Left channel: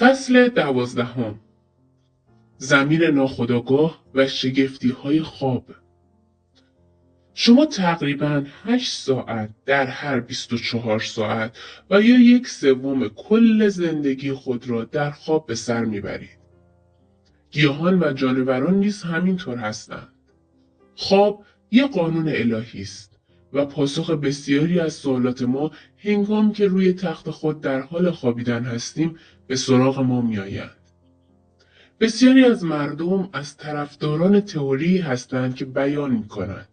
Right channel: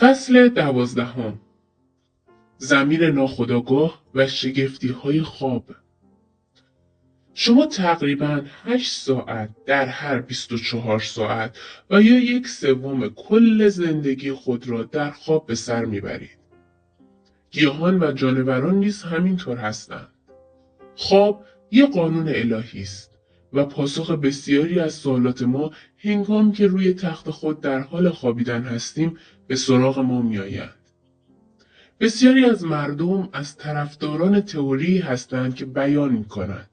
فصل 12. ضمیر ناخودآگاه و شگفتی‌های خواب. شما تقریباً 8 ساعت در هر 24 ساعت و یا 1/3 کل زندگی خود را در خواب به سر میبرید. گیاهان و جانوران نیز همینطور هستند. خواب یک قانون الهی است و پاسخ بسیاری از سوالات ما هنگامی که روی تخت خود در حال خوابیدن هستیم به سراغ ما میآید. بسیاری از مردم از طرفداران تئوری هستند که بیان می کند.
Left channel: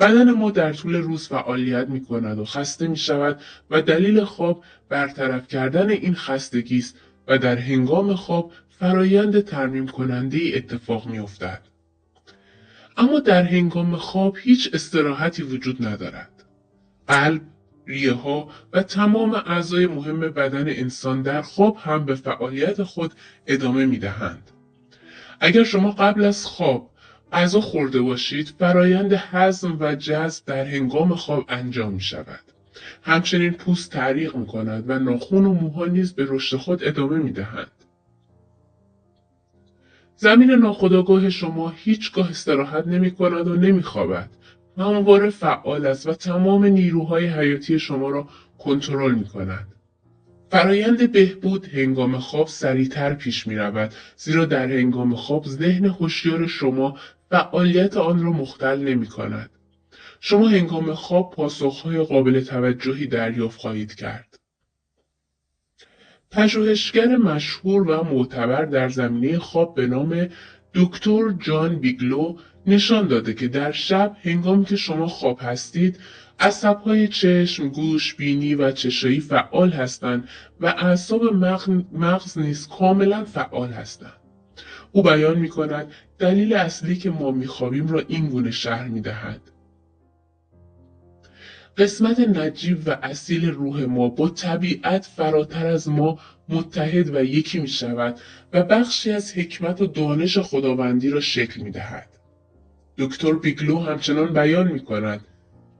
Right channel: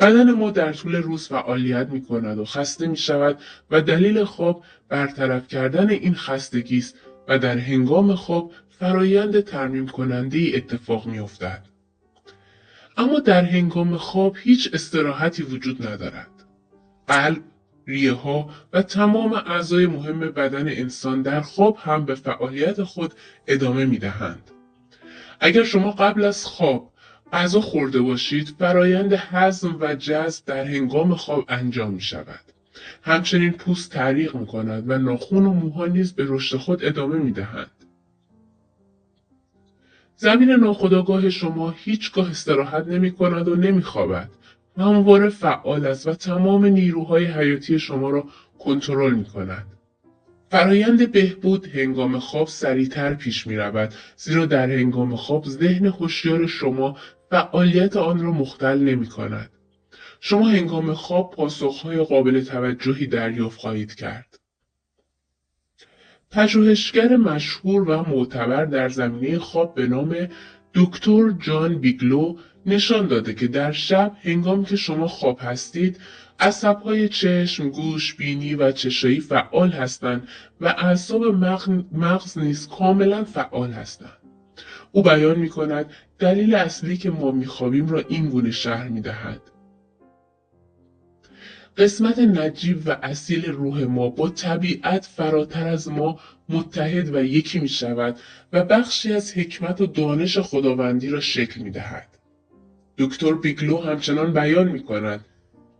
بدن ما در طول روز فعالیت می کند و خسته می شود و دلیل خواب برطرف کردن این خستگی است و در هنگام خواب فرایند ترمیم کننده اتفاق می افتد. اما در هنگام خواب هیچ استراحتی وجود ندارد. قلب، ریه ها و تمام اعضای مهم بدن انسان در خواب هم به فعالیت خود ادامه می دهند. اگر شما قبل از خواب غذا خورده باشید، فرایند هضم و جذب در هنگام خواب انجام می شود. همچنین پوست تعریق می کند و ناخن و موها نیز به رشد خود ادامه می دهند. ضمیر ناخودآگاه شما هیچگاه استراحت نمی کند و نمی خوابد. همواره فعال است و تمام نیروهای حیاتی شما را کنترل می کند. فرایند بهبود هنگام خواب سریعتر پیش می رود، زیرا در هنگام خواب ذهن هوشیار شما فعالیت آن را مختل نمی کند. شما هنگام خواب پاسخهای قابل توجهی دریافت خواهید کرد. پژوهشگر مشهور و معتبر در زمینه خواب به نام دکتر جان بیگلو نشان داده که در شب هنگامی که شما خواب هستید، عصبهای چشم، گوش، بینی و چشایی فعال هستند و اعصاب مغز نیز کاملا فعال هستند. او بیان می کند دلیل اصلی که ما میخوابیم را این گونه شرح می دهد. قسمت نجیب و اصیل روح ما با طبیعت فراتر از ما متحد و یکی می شود و بخشی از حکمت و دانش خداوندی را شکل می دهد. دکتر بیگلو همچنان بیان می کند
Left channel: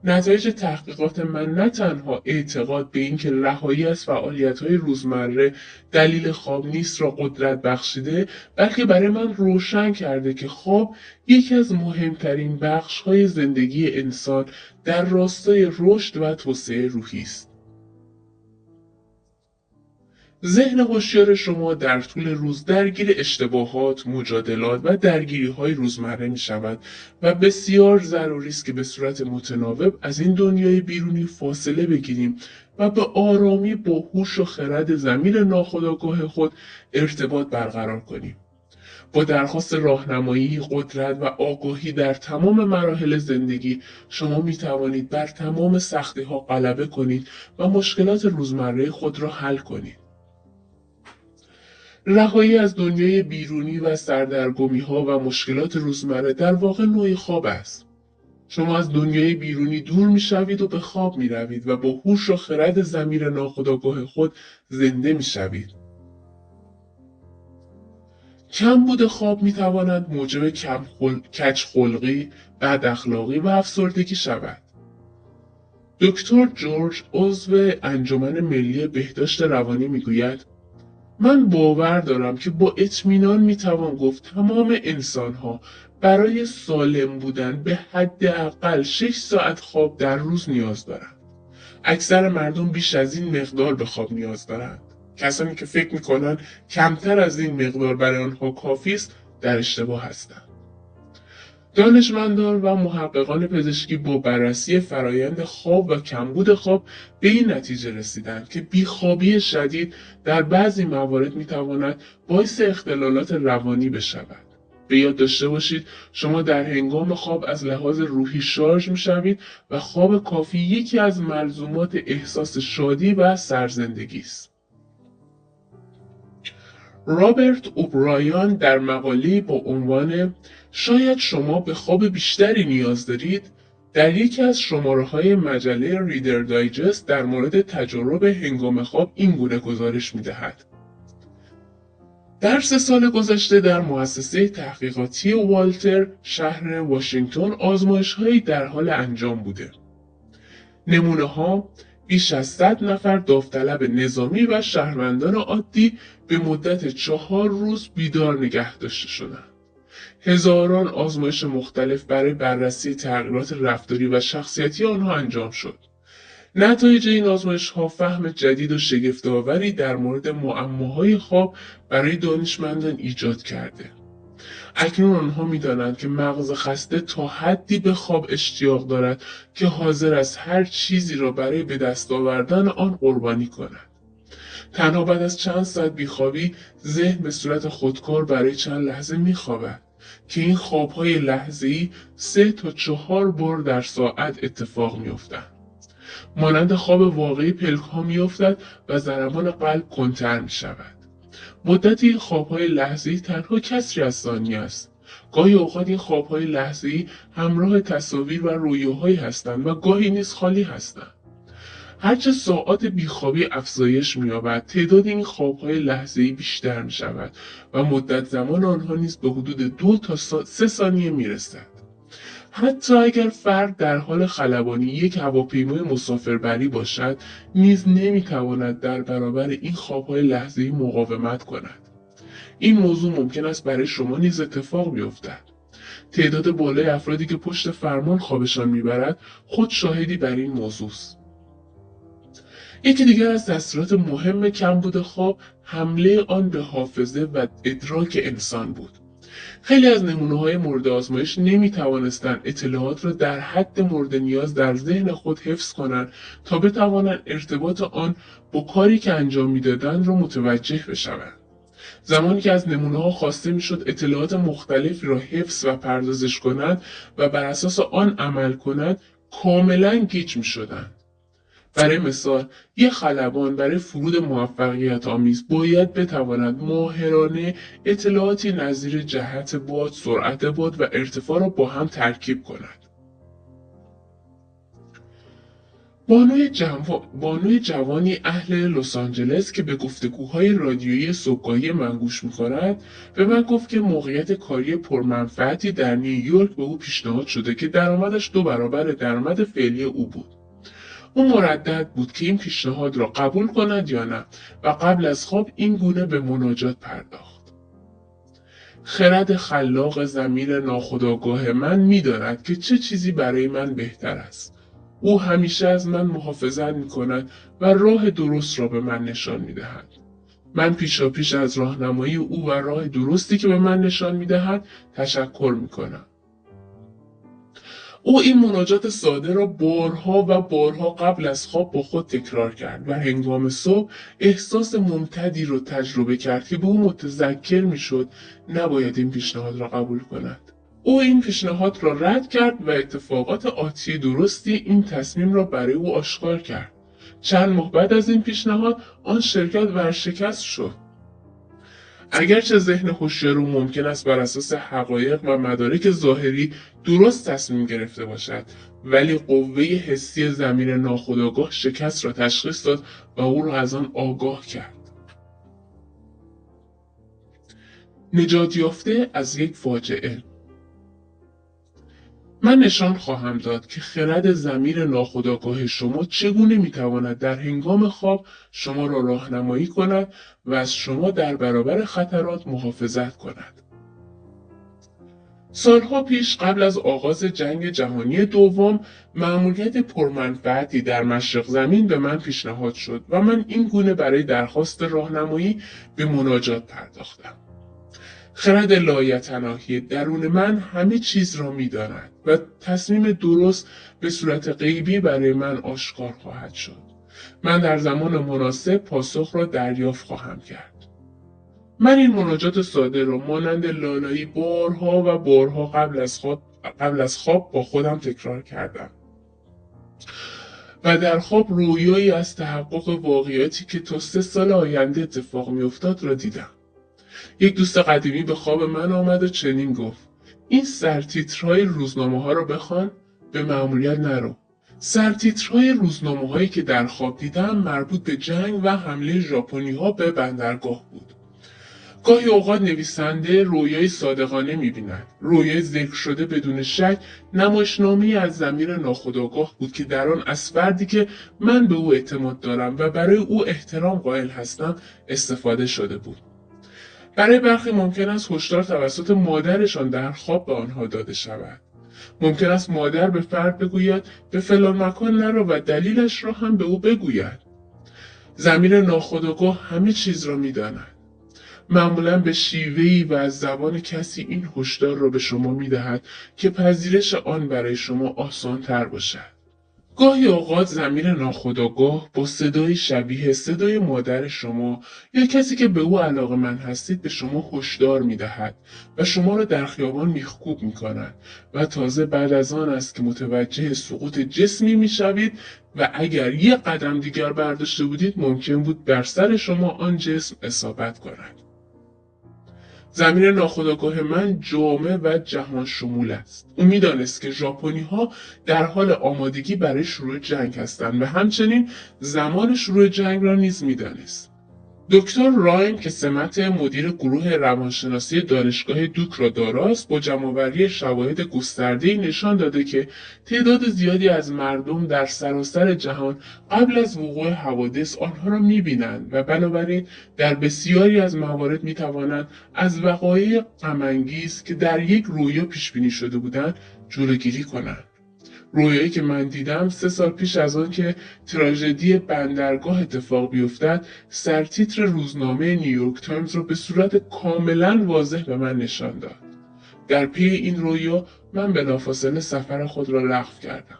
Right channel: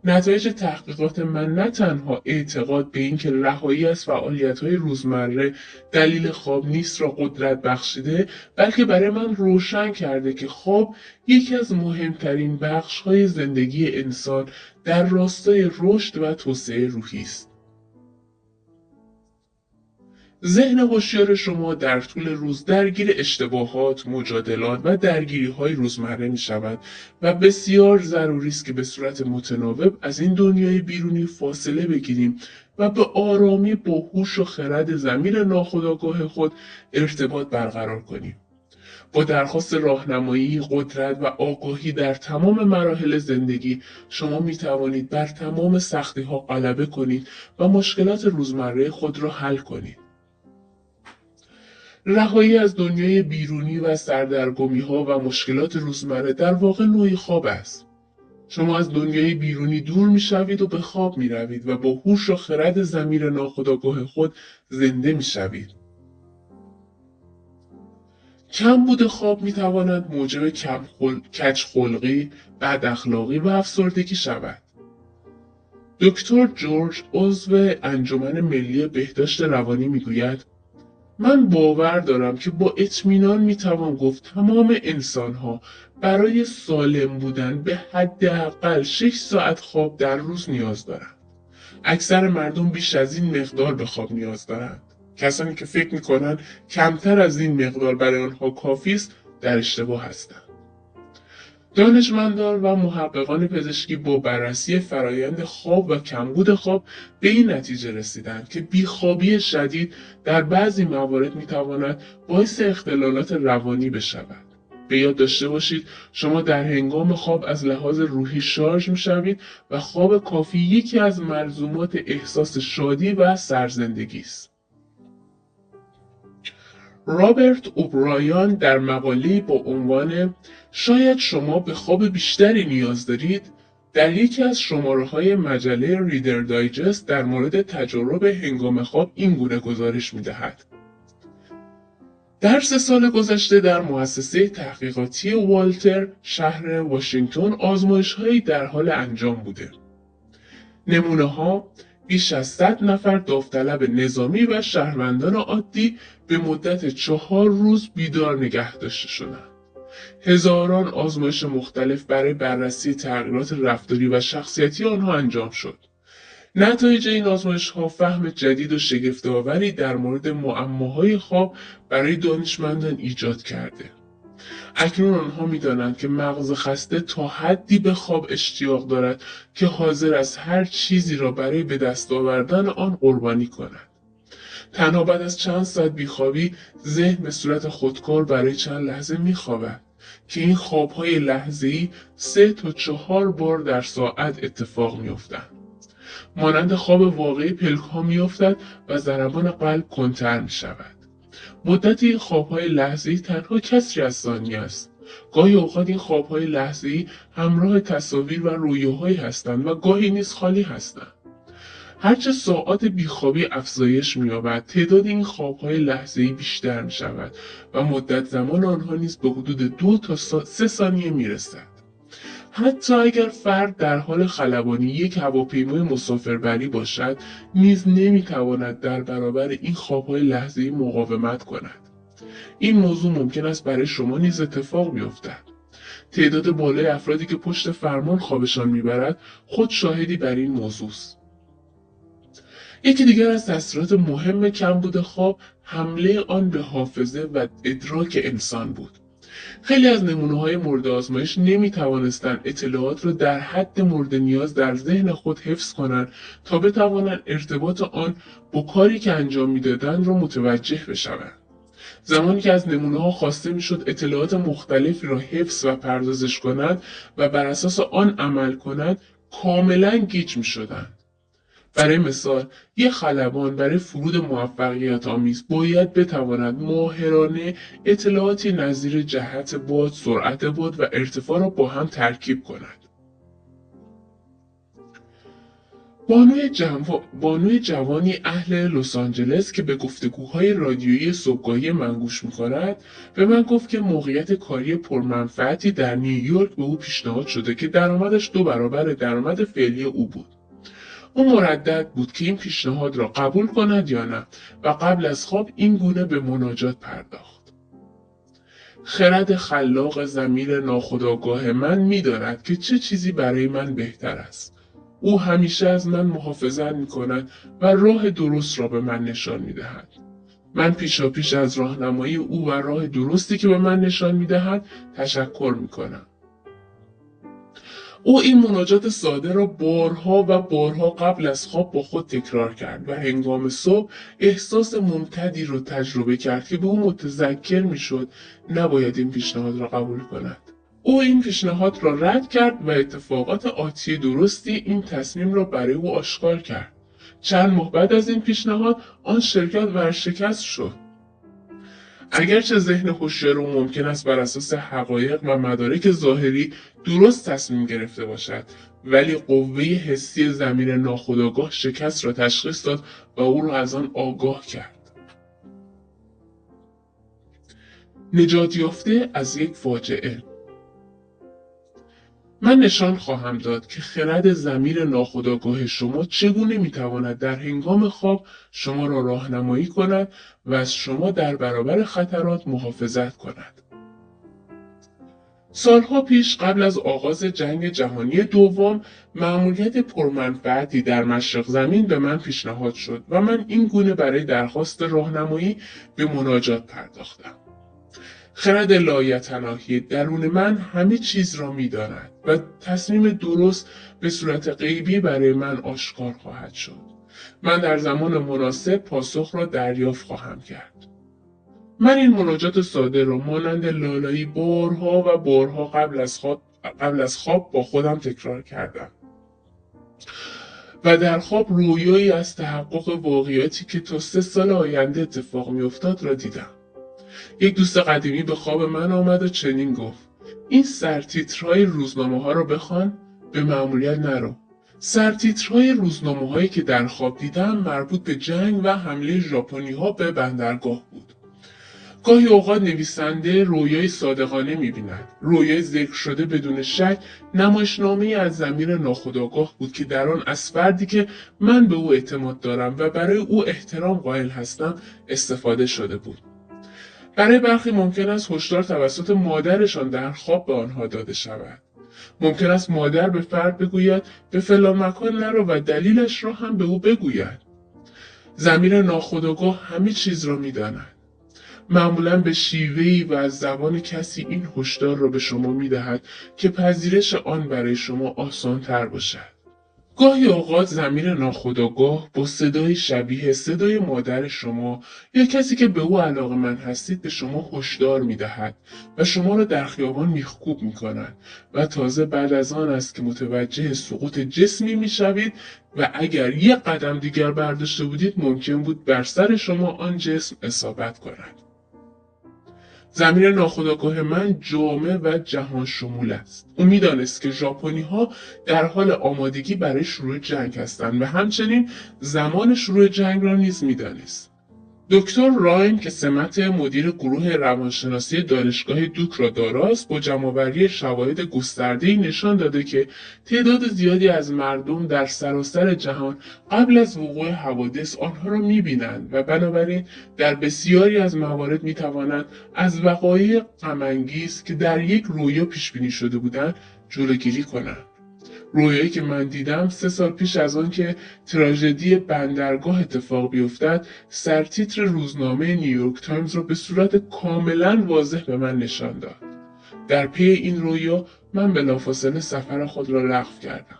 نتایج تحقیقات من نه تنها اعتقاد به اینکه رهایی از فعالیت‌های روزمره دلیل خواب نیست را قدرت بخشیده، بلکه برای من روشن کرده که خواب یکی از مهمترین بخش‌های زندگی انسان در راستای رشد و توسعه روحی است. ذهن هوشیار شما در طول روز درگیر اشتباهات، مجادلات و درگیری‌های روزمره می‌شود و بسیار ضروری است که به صورت متناوب از این دنیای بیرونی فاصله بگیریم و به آرامی با هوش و خرد ضمیر ناخودآگاه خود ارتباط برقرار کنیم. با درخواست راهنمایی، قدرت و آگاهی در تمام مراحل زندگی، شما می توانید بر تمام سختی‌ها غلبه کنید و مشکلات روزمره خود را حل کنید. رهایی از دنیای بیرونی و سردرگمی‌ها و مشکلات روزمره در واقع نوعی خواب است. شما از دنیای بیرونی دور می‌شوید و به خواب می‌روید و با هوش و خرد ضمیر ناخودآگاه خود زنده می‌شوید. کمبود خواب می‌تواند موجب کج‌خلقی، بداخلاقی و افسردگی شود. دکتر جورج عضو انجمن ملی بهداشت روانی می‌گوید من باور دارم که با اطمینان میتوان گفت تمام انسانها برای سالم بودن به حداقل 6 ساعت خواب در روز نیاز دارند. اکثر مردم بیش از این مقدار به خواب نیاز دارند. کسانی که فکر میکنند کمتر از این مقدار برای آنها کافی است در اشتباه هستند. دانشمندان و محققان پزشکی با بررسی فرایند خواب و کمبود خواب به این نتیجه رسیدند که بیخوابی شدید در بعضی موارد میتواند باعث اختلالات روانی بشود. به یاد داشته باشید شما در هنگام خواب از لحاظ روحی شارژ میشوید و خواب کافی یکی از ملزومات احساس شادی و سرزندگی است. رابرت اوبرایان در مقاله‌ای با عنوان شاید شما به خواب بیشتری نیاز دارید در یکی از شماره‌های مجله ریدر دایجست در مورد تجارب هنگام خواب این گونه گزارش می‌دهد. در 3 سال گذشته در مؤسسه تحقیقاتی والتر شهر واشنگتن آزمایش‌هایی در حال انجام بوده. نمونه‌ها بیش از 100 نفر داوطلب نظامی و شهروندان عادی به مدت 4 روز بیدار نگه داشته شدند. هزاران آزمایش مختلف برای بررسی تغییرات رفتاری و شخصیتی آنها انجام شد. نتایج این آزمایش‌ها فهم جدید و شگفت‌آوری در مورد معماهای خواب برای دانشمندان ایجاد کرده. اکنون آنها می‌دانند که مغز خسته تا حدی به خواب اشتیاق دارد که حاضر است هر چیزی را برای به دست آوردن آن قربانی کند. تنها بعد از چند ساعت بیخوابی ذهن به صورت خودکار برای چند لحظه میخوابد که این خوابهای لحظه‌ای 3 تا 4 بار در ساعت اتفاق میافتند. مانند خواب واقعی پلک‌ها میافتد و ضربان قلب کندتر میشود. مدت این خوابهای لحظه‌ای تنها کسری از ثانیه است. گاهی اوقات این خوابهای لحظه‌ای همراه تصاویر و رویاهایی هستند و گاهی نیز خالی هستند. هرچه ساعات بیخوابی افزایش می‌یابد، تعداد این خوابهای لحظه‌ای بیشتر می‌شود و مدت زمان آنها نیز به حدود 2 تا 3 ثانیه می‌رسد. حتی اگر فرد در حال خلبانی یک هواپیمای مسافربری باشد، نیز نمی‌تواند در برابر این خوابهای لحظه‌ای مقاومت کند. این موضوع ممکن است برای شما نیز اتفاق بیفتد. تعداد بالای افرادی که پشت فرمان خوابشان میبرد خود شاهدی بر این موضوع است. یکی دیگر از تاثیرات مهم کمبود خواب حمله آن به حافظه و ادراک انسان بود. خیلی از نمونه‌های مورد آزمایش نمی‌توانستند اطلاعات را در حد مورد نیاز در ذهن خود حفظ کنند تا بتوانند ارتباط آن با کاری که انجام می‌دادند را متوجه بشوند. زمانی که از نمونه‌ها خواسته می‌شد اطلاعات مختلفی را حفظ و پردازش کنند و بر اساس آن عمل کنند، کاملاً گیج می‌شدند. برای مثال، یک خلبان برای فرود موفقیت آمیز باید بتواند ماهرانه اطلاعاتی نظیر جهت باد، سرعت باد و ارتفاع را با هم ترکیب کند. بانوی جوانی اهل لس آنجلس که به گفتگوهای رادیویی صبحگاهی من گوش می‌کند، به من گفت که موقعیت کاری پرمنفعتی در نیویورک به او پیشنهاد شده که درآمدش 2 برابر درآمد فعلی او بود. او مردد بود که این پیشنهاد را قبول کند یا نه و قبل از خواب این گونه به مناجات پرداخت. خرد خلاق ضمیر ناخودآگاه من می‌داند که چه چیزی برای من بهتر است. او همیشه از من محافظت می‌کند و راه درست را به من نشان می‌دهد. من پیشاپیش از راهنمایی او و راه درستی که به من نشان می‌دهد تشکر می‌کنم. او این مناجات ساده را بارها و بارها قبل از خواب با خود تکرار کرد و هنگام صبح احساس ممتدی را تجربه کرد که به او متذکر می‌شد نباید این پیشنهاد را قبول کند. او این پیشنهاد را رد کرد و اتفاقات آتی درستی این تصمیم را برای او آشکار کرد. چند ماه بعد از این پیشنهاد آن شرکت ورشکست شد. اگرچه ذهن هوشیار او ممکن است بر اساس حقایق و مدارک ظاهری درست تصمیم گرفته باشد، ولی قوه حسی ضمیر ناخودآگاه شکست را تشخیص داد و او را از آن آگاه کرد. نجات یافته از یک فاجعه. من نشان خواهم داد که خرد ضمیر ناخودآگاه شما چگونه میتواند در هنگام خواب شما را راهنمایی کند و از شما در برابر خطرات محافظت کند. سالها پیش قبل از آغاز جنگ جهانی دوم، مأموریت پرمنفعتی در مشرق زمین به من پیشنهاد شد و من این گونه برای درخواست راهنمایی به مناجات پرداختم. خرد لایتناهی درون من همه چیز را می‌داند و تصمیم درست به صورت غیبی برای من آشکار خواهد شد. من در زمان مناسب پاسخ را دریافت خواهم کرد. من این مناجات ساده را مانند لالایی بارها و بارها قبل از خواب با خودم تکرار کردم. و در خواب رویایی از تحقق واقعیاتی که تا 3 سال آینده اتفاق می‌افتاد را دیدم. یک دوست قدیمی به خواب من آمد و چنین گفت: این سرتیترهای روزنامه‌ها رو بخوان، به مأموریت نرو. سرتیترهای روزنامه‌هایی که در خواب دیدم مربوط به جنگ و حمله ژاپنی‌ها به بندرگاه بود. گاهی اوقات نویسنده رویای صادقانه می‌بیند. رویای ذکر شده بدون شک نمایشنامه‌ای از ضمیر ناخودآگاه بود که در آن از فردی که من به او اعتماد دارم و برای او احترام قائل هستم استفاده شده بود. برای برخی ممکن است هشدار توسط مادرشان در خواب به آنها داده شود. ممکن است مادر به فرد بگوید به فلان مکان نرو و دلیلش را هم به او بگوید. ضمیر ناخودآگاه همه چیز را می‌داند. معمولا به شیوهی و از زبان کسی این هشدار را به شما می‌دهد که پذیرش آن برای شما آسان تر باشد. گاهی اوقات ضمیر ناخودآگاه با صدای شبیه صدای مادر شما یا کسی که به او علاقه‌مند هستید به شما هشدار می‌دهد و شما را در خیابان میخکوب می‌کند و تازه بعد از آن است که متوجه سقوط جسمی می‌شوید و اگر یک قدم دیگر برداشته بودید ممکن بود بر سر شما آن جسم اصابت کند. ضمیر ناخودآگاه من جامع و جهان شمول است. او میدانست که ژاپنی‌ها در حال آمادگی برای شروع جنگ هستند و همچنین زمان شروع جنگ را نیز میدانست. دکتر رایم که سمت مدیر گروه روانشناسی دانشگاه دوک را داراست، با جمع‌آوری شواهد گسترده‌ای نشان داده که تعداد زیادی از مردم در سراسر جهان قبل از وقوع حوادث آنها را می‌بینند و بنابراین در بسیاری از موارد می‌توانند از وقایع غم‌انگیز که در یک رویا پیش‌بینی شده بودند جلوگیری کنند. رویایی که من دیدم 3 سال پیش از آن که تراژدی بندرگاه اتفاق بیفتد سرتیتر روزنامه نیویورک تایمز را به صورت کاملا واضح به من نشان داد. در پی این رویا من بلافاصله سفر خود را لغو کردم.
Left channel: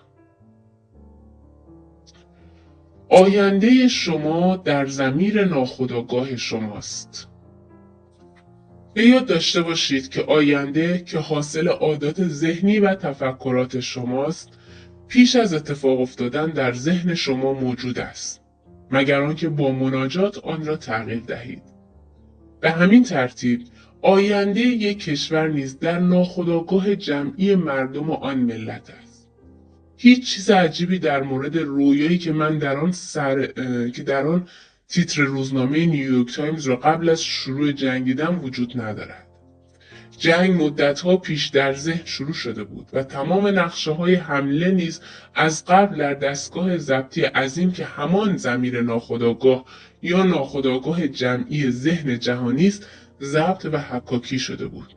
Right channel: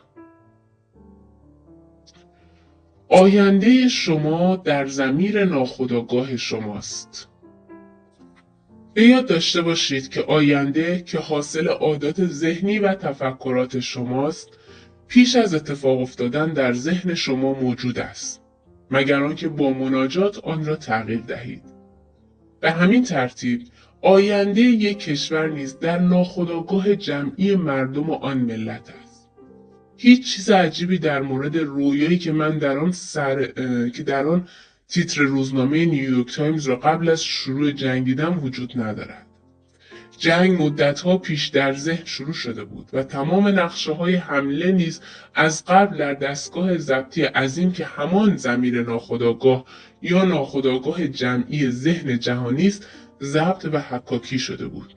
آینده شما در ضمیر ناخودآگاه شماست. به یاد داشته باشید که آینده که حاصل عادات ذهنی و تفکرات شماست پیش از اتفاق افتادن در ذهن شما موجود است، مگر آنکه با مناجات آن را تغییر دهید. به همین ترتیب آینده یک کشور نیز در ناخودآگاه جمعی مردم آن ملت است. هیچ چیز عجیبی در مورد رویایی که من در آن تیتر روزنامه نیویورک تایمز را قبل از شروع جنگ دیدم وجود ندارد. جنگ مدتها پیش در ذهن شروع شده بود و تمام نقشه‌های حمله نیز از قبل در دستگاه ضبطی عظیم که همان ضمیر ناخودآگاه یا ناخودآگاه جمعی ذهن جهانی است ضبط و حکاکی شده بود.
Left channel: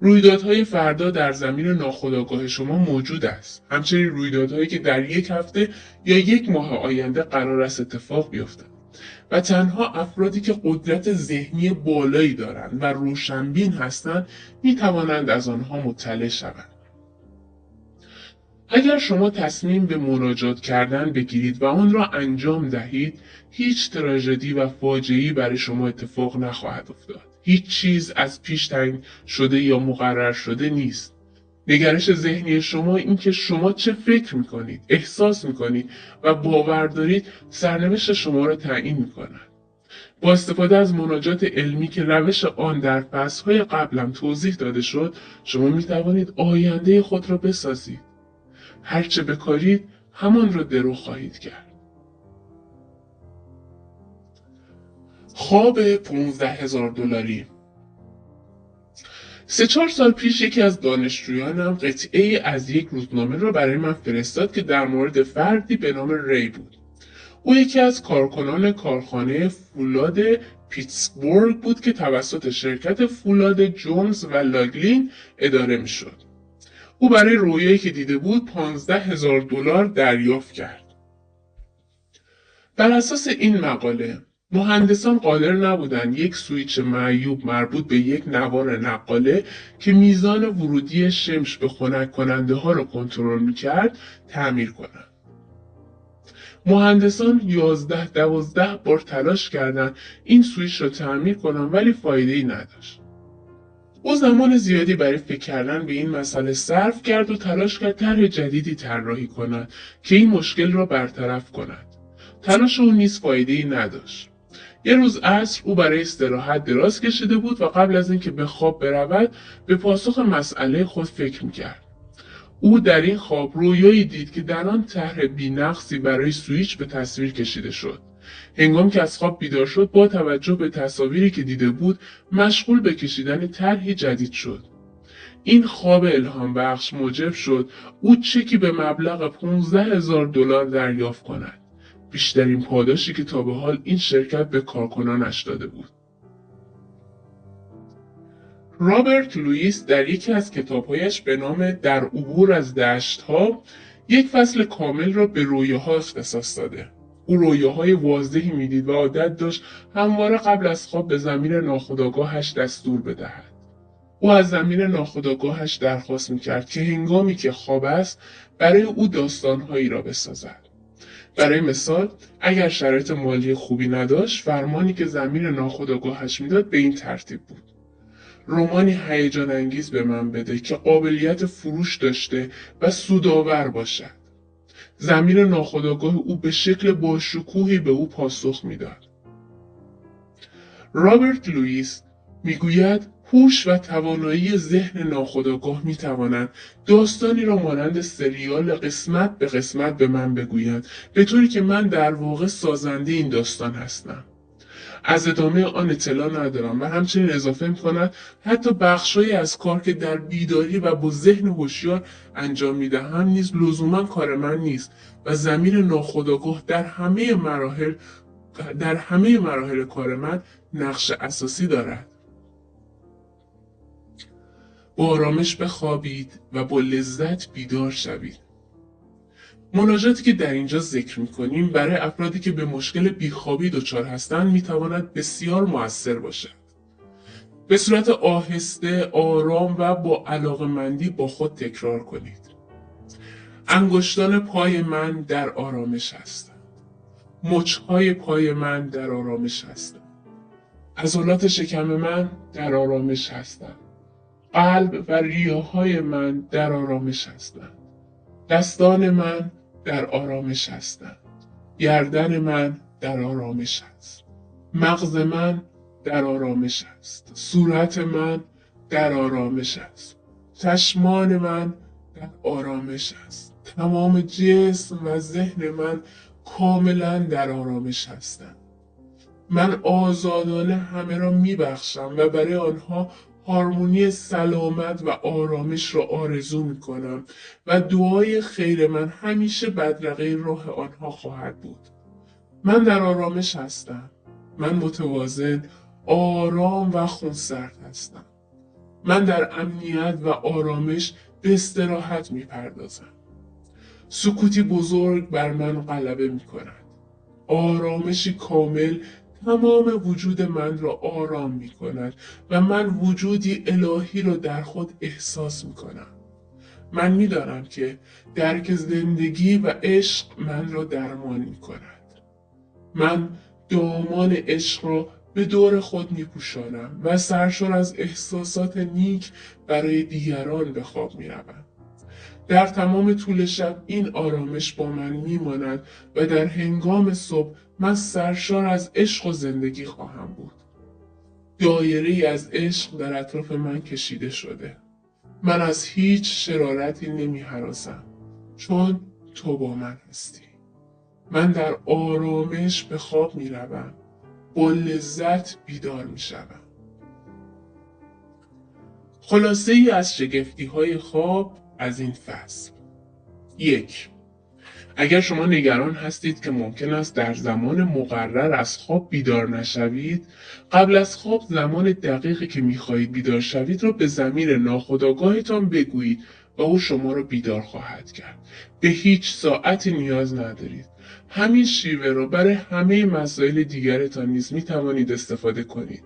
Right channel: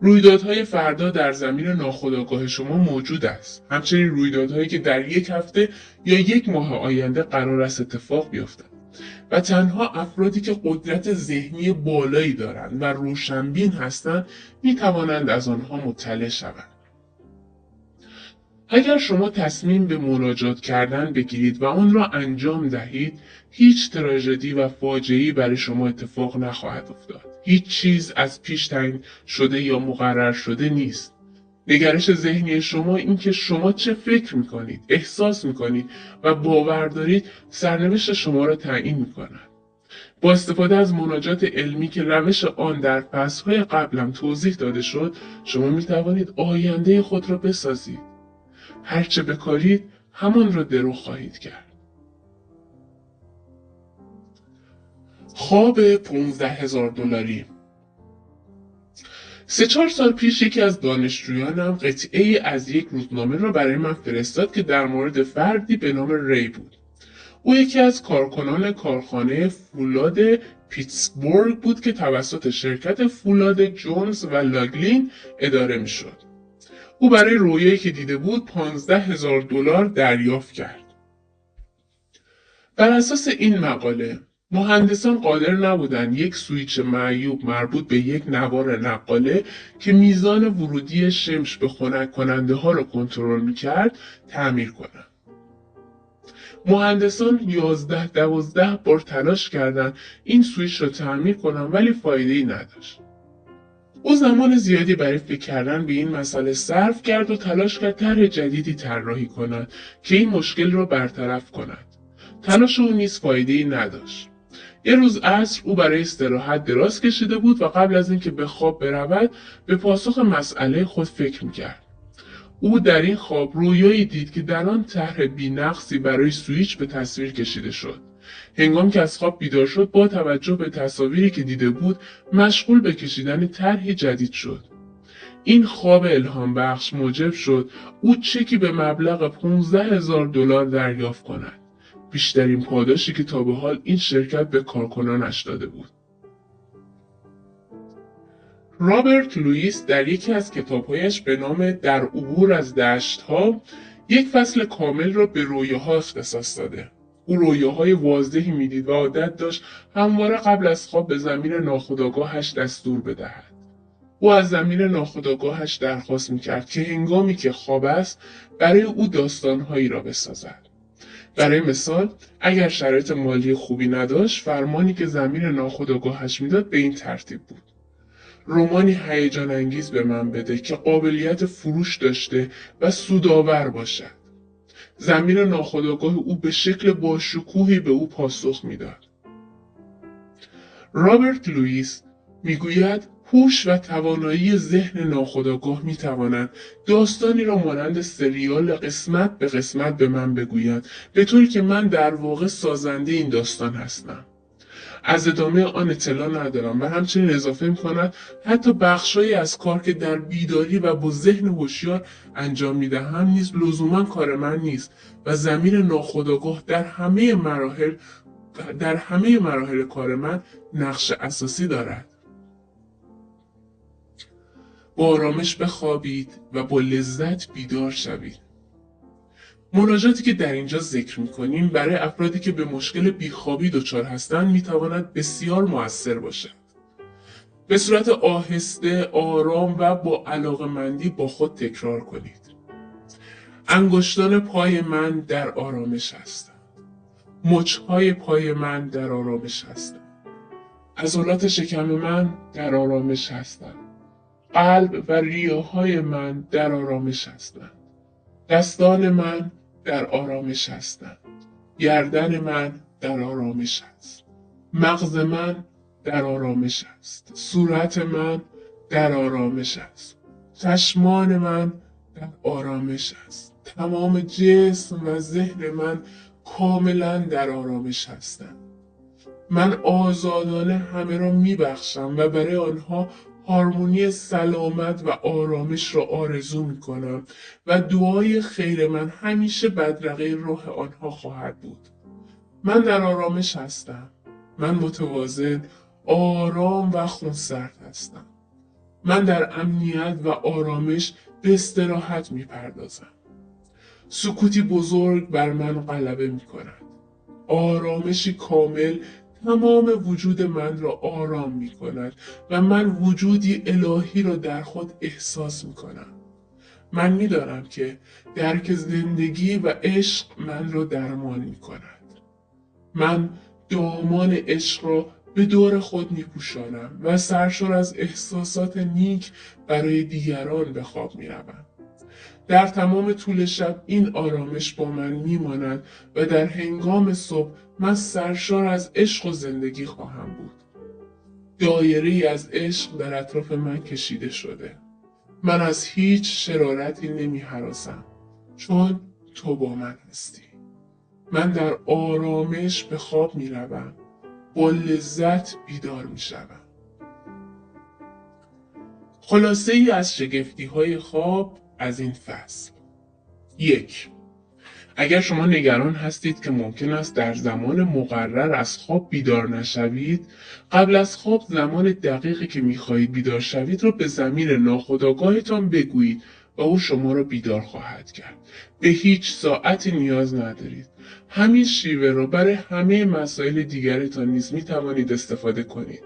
رویدادهای فردا در ضمیر ناخودآگاه شما موجود است. همچنین رویدادهایی که در یک هفته یا یک ماه آینده قرار است اتفاق بیفتند. و تنها افرادی که قدرت ذهنی بالایی دارند و روشنبین هستند می توانند از آنها مطلع شوند. اگر شما تصمیم به مناجات کردن بگیرید و آن را انجام دهید، هیچ تراژدی و فاجعه‌ای برای شما اتفاق نخواهد افتاد. هیچ چیز از پیش تعیین شده یا مقرر شده نیست. نگرش ذهنی شما این که شما چه فکر میکنید، احساس میکنید و باور دارید سرنوشت شما را تعیین میکند. با استفاده از مناجات علمی که روش آن در بحث‌های قبلم توضیح داده شد، شما میتوانید آینده خود را بسازید. هرچه بکارید همان را درو خواهید کرد. خواب 15,000 دلاری. 3-4 سال پیش یکی از دانشجویانم قطعه‌ای از یک روزنامه را برای من فرستاد که در مورد فردی به نام ری بود. او یکی از کارکنان کارخانه فولاد پیتسبورگ بود که توسط شرکت فولاد جونز و لاگلین اداره میشد. او برای رویایی که دیده بود 15,000 دلار دریافت کرد. بر اساس این مقاله مهندسان قادر نبودند یک سویچ معیوب مربوط به یک نوار نقاله که میزان ورودی شمش به خنک کننده ها را کنترل میکرد تعمیر کنند. مهندسان 11-12 بار تلاش کردند این سویچ را تعمیر کنند ولی فایده‌ای نداشت. او زمان زیادی برای فکر کردن به این مسئله صرف کرد و تلاش کرد طرح جدیدی طراحی کند که این مشکل را برطرف کند. تلاش او نیز فایده‌ای نداشت. یه روز عصر او برای استراحت دراز کشیده بود و قبل از اینکه به خواب برود به پاسخ مسئله خود فکر میکرد. او در این خواب رویایی دید که در آن طرح بی‌نقصی برای سویچ به تصویر کشیده شد. هنگامی که از خواب بیدار شد با توجه به تصاویری که دیده بود مشغول به کشیدن طرحی جدید شد. این خواب الهام بخش موجب شد او چکی به مبلغ $15,000 دریافت کند. بیشترین پاداشی که تا به حال این شرکت به کارکنانش داده بود. رابرت لوئیس در یکی از کتابهایش به نام در عبور از دشت‌ها یک فصل کامل را به رویاها اختصاص داده. او رویاهای واضحی میدید و عادت داشت همواره قبل از خواب به ضمیر ناخودآگاهش دستور بدهد. او از ضمیر ناخودآگاهش درخواست میکرد که هنگامی که خواب است برای او داستانهایی را بسازد. برای مثال اگر شرایط مالی خوبی نداشت فرمانی که ضمیر ناخودآگاهش میداد به این ترتیب بود: رمانی هیجان انگیز به من بده که قابلیت فروش داشته و سودآور باشد. ضمیر ناخودآگاه او به شکل باشکوهی به او پاسخ میداد. رابرت لوئیس میگوید هوش و توانایی ذهن ناخودآگاه میتواند داستانی را مانند سریال قسمت به قسمت به من بگوید، به طوری که من در واقع سازنده این داستان هستم. از ادامه آن اطلاع ندارم و همچنین اضافه می‌کند حتی بخشهایی از کار که در بیداری و با ذهن هوشیار انجام می‌دهم نیز لزوما کار من نیست و ضمیر ناخودآگاه در همه مراحل کار من نقش اساسی دارد. با آرامش بخوابید و با لذت بیدار شوید. مناجاتی که در اینجا ذکر می‌کنیم برای افرادی که به مشکل بیخوابی دچار هستند می‌تواند بسیار مؤثر باشد. به صورت آهسته، آرام و با علاقه‌مندی با خود تکرار کنید. انگشتان پای من در آرامش هستند. مچ‌های پای من در آرامش هستند. عضلات شکم من در آرامش هستند. قلب و ریه‌های من در آرامش هستند. دستان من در آرامش هستند. گردن من در آرامش است. مغز من در آرامش است. صورت من در آرامش است. چشمان من در آرامش است. تمام جسم و ذهن من کاملا در آرامش هستند. من آزادانه همه را میبخشم و برای آنها هارمونی سلامت و آرامش را آرزو میکنم و دعای خیر من همیشه بدرقه راه آنها خواهد بود. من در آرامش هستم. من متوازن، آرام و خونسرد هستم. من در امنیت و آرامش به استراحت میپردازم. سکوتی بزرگ بر من غلبه میکند. آرامشی کامل تمام وجود من را آرام می کند و من وجودی الهی را در خود احساس می کنم. من می دانم که درک زندگی و عشق من را درمان می کند. من دامان عشق را به دور خود می پوشانم و سرشار از احساسات نیک برای دیگران به خواب می روم. در تمام طول شب این آرامش با من میماند و در هنگام صبح من سرشار از عشق و زندگی خواهم بود. دایره از عشق در اطراف من کشیده شده. من از هیچ شرارتی نمی هراسم چون تو با من هستی. من در آرامش به خواب می روم. با لذت بیدار می شوم. خلاصه ای از شگفتی های خواب از این فصل. 1. اگر شما نگران هستید که ممکن است در زمان مقرر از خواب بیدار نشوید، قبل از خواب زمان دقیقی که می‌خواهید بیدار شوید را به ضمیر ناخودآگاهتان بگویید و او شما را بیدار خواهد کرد. به هیچ ساعتی نیاز ندارید. همین شیوه را برای همه مسائل دیگرتان نیز می‌توانید استفاده کنید.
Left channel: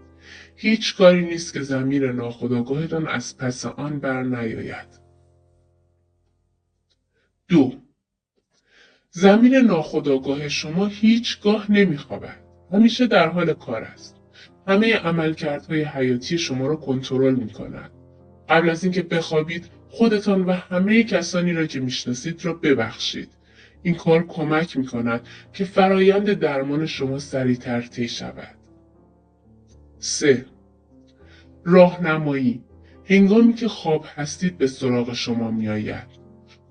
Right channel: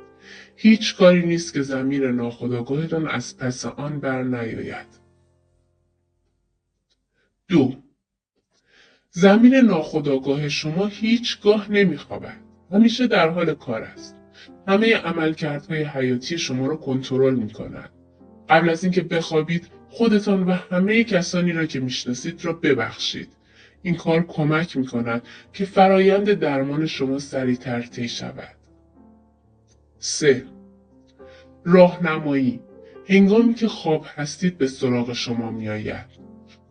هیچ کاری نیست که ضمیر ناخودآگاهتان از پس آن بر نیاید. 2. ضمیر ناخودآگاه شما هیچگاه نمیخوابد. همیشه در حال کار است. همه عملکردهای حیاتی شما را کنترل میکند. قبل از اینکه بخوابید خودتان و همه کسانی را که میشناسید را ببخشید. این کار کمک میکند که فرایند درمان شما سریعتر طی شود. 3. راهنمایی. هنگامی که خواب هستید به سراغ شما میآید.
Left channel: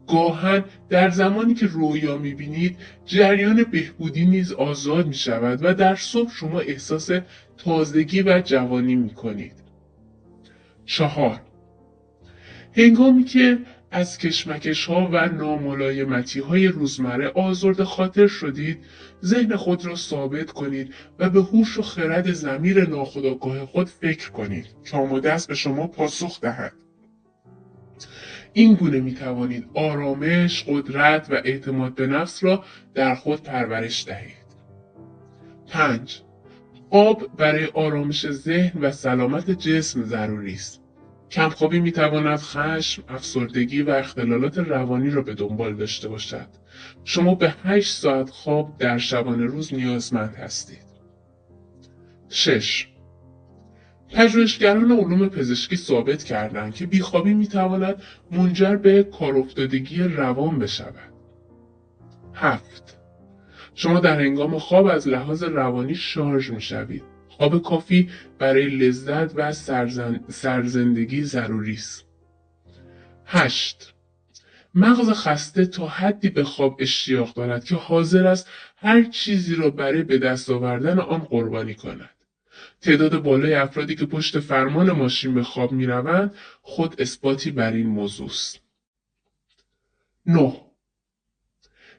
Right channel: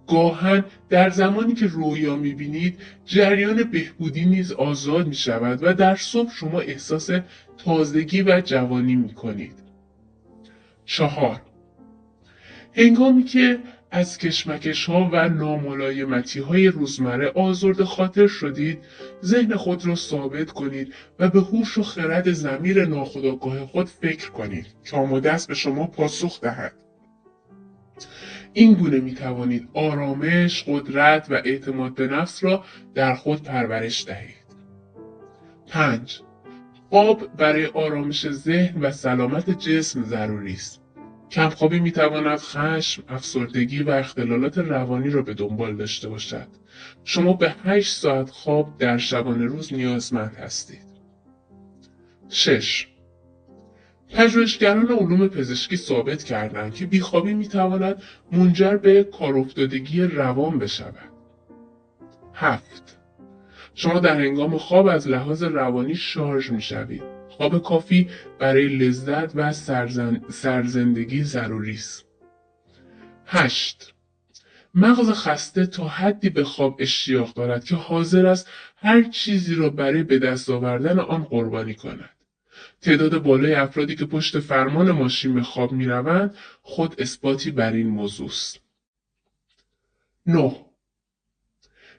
گاهن در زمانی که رویا میبینید جریان بهبودی نیز آزاد میشود و در صبح شما احساس تازگی و جوانی میکنید. 4. هنگامی که از کشمکش ها و ناملایمتی های روزمره آزرده خاطر شدید، ذهن خود را ثابت کنید و به هوش و خرد ضمیر ناخودآگاه خود فکر کنید که آماده است به شما پاسخ دهد. این گونه می توانید آرامش، قدرت و اعتماد به نفس را در خود پرورش دهید. 5. خواب برای آرامش ذهن و سلامت جسم ضروری است. کمخوابی می تواند خشم، افسردگی و اختلالات روانی را به دنبال داشته باشد. شما به 8 ساعت خواب در شبانه روز نیازمند هستید. 6. پژوهشگران علوم پزشکی ثابت کردند که بیخوابی میتواند منجر به کارافتادگی روان بشود. 7. شما در هنگام خواب از لحاظ روانی شارژ میشوید. خواب کافی برای لذت و سرزندگی ضروری است. 8. مغز خسته تا حدی به خواب اشتیاق دارد که حاضر است هر چیزی را برای به دست آوردن آن قربانی کند. تعداد بالای افرادی که پشت فرمان ماشین به خواب می‌روند خود اثباتی بر این موضوع است. 9.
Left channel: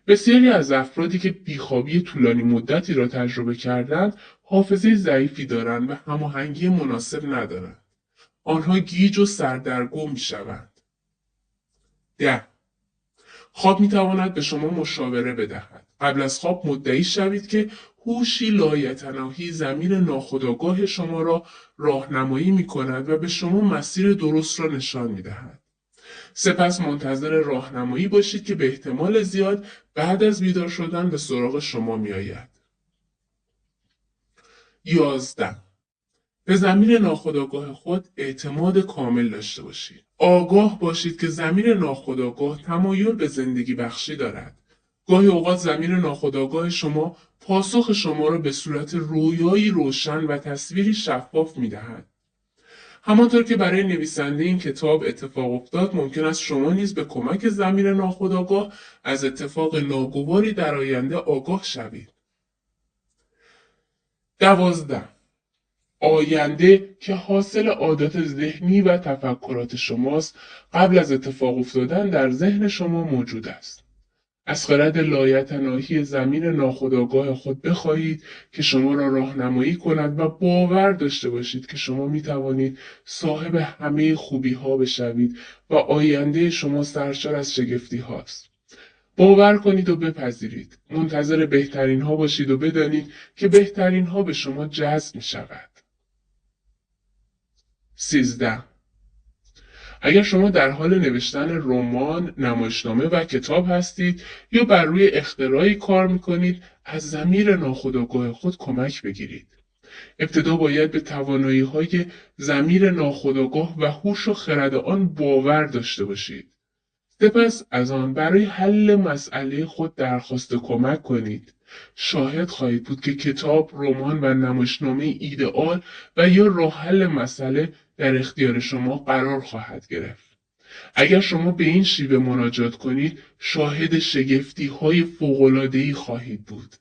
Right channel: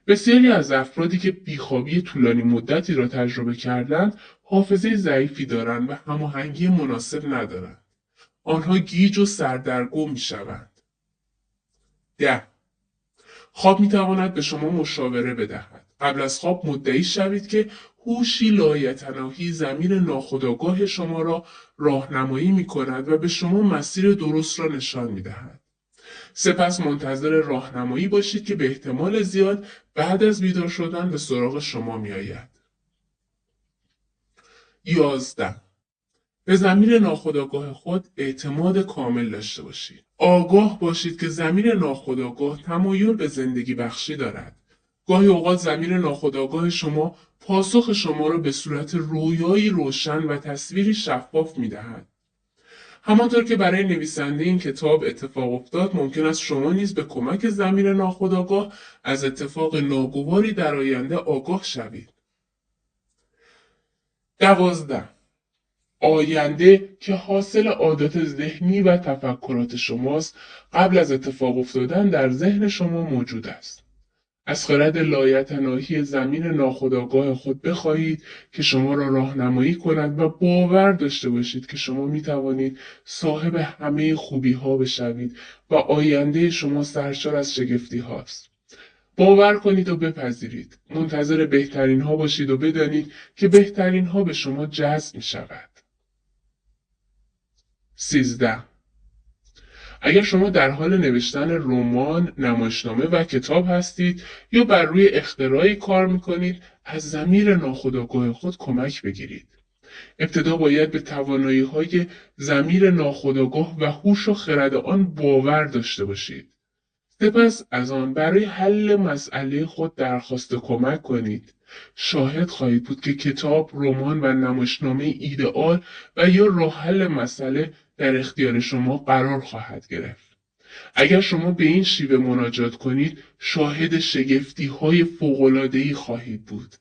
بسیاری از افرادی که بیخوابی طولانی مدتی را تجربه کردند حافظه ضعیفی دارند و هماهنگی مناسب ندارند. آنها گیج و سردرگم می‌شوند. 10. خواب می‌تواند به شما مشاوره بدهد. قبل از خواب مدعی شوید که هوشی لایتناهی ضمیر ناخودآگاه شما را راهنمایی می‌کند و به شما مسیر درست را نشان می‌دهد. سپس منتظر راهنمایی باشید که به احتمال زیاد بعد از بیدار شدن به سراغ شما می‌آید. 11. به ضمیر ناخودآگاه خود اعتماد کامل داشته باشید. آگاه باشید که ضمیر ناخودآگاه تمایل به زندگی بخشی دارد. گاهی اوقات ضمیر ناخودآگاه شما پاسخ شما را به صورت رویایی روشن و تصویری شفاف می‌دهد. همانطور که برای نویسنده این کتاب اتفاق افتاد، ممکن است شما نیز به کمک ضمیر ناخودآگاه از اتفاق ناگواری در آینده آگاه شوید. 12. آینده که حاصل عادات ذهنی و تفکرات شماست قبل از اتفاق افتادن در ذهن شما موجود است. از خرد لایتناهی ضمیر ناخودآگاه خود بخواهید که شما را راهنمایی کند و باور داشته باشید که شما می توانید صاحب همه خوبی ها بشوید و آینده شما سرشار از شگفتی هاست. باور کنید و بپذیرید. منتظر بهترین ها باشید و بدانید که بهترین ها به شما جذب می شود. 13. اگر شما در حال نوشتن رمان، نمایشنامه و کتاب هستید یا بر روی اختراعی کار میکنید، از ضمیر ناخودآگاه خود کمک بگیرید. ابتدا باید به توانایی‌های ضمیر ناخودآگاه و هوش و خرد آن باور داشته باشید. سپس از آن برای حل مسئله خود درخواست کمک کنید. شاهد خواهید بود که کتاب، رمان و نمایشنامه ایدئال و یا راه حل مسئله در اختیار شما قرار خواهد گرفت. اگر شما به این شیوه مناجات کنید، شاهد شگفتی های فوق‌العاده‌ای خواهید بود.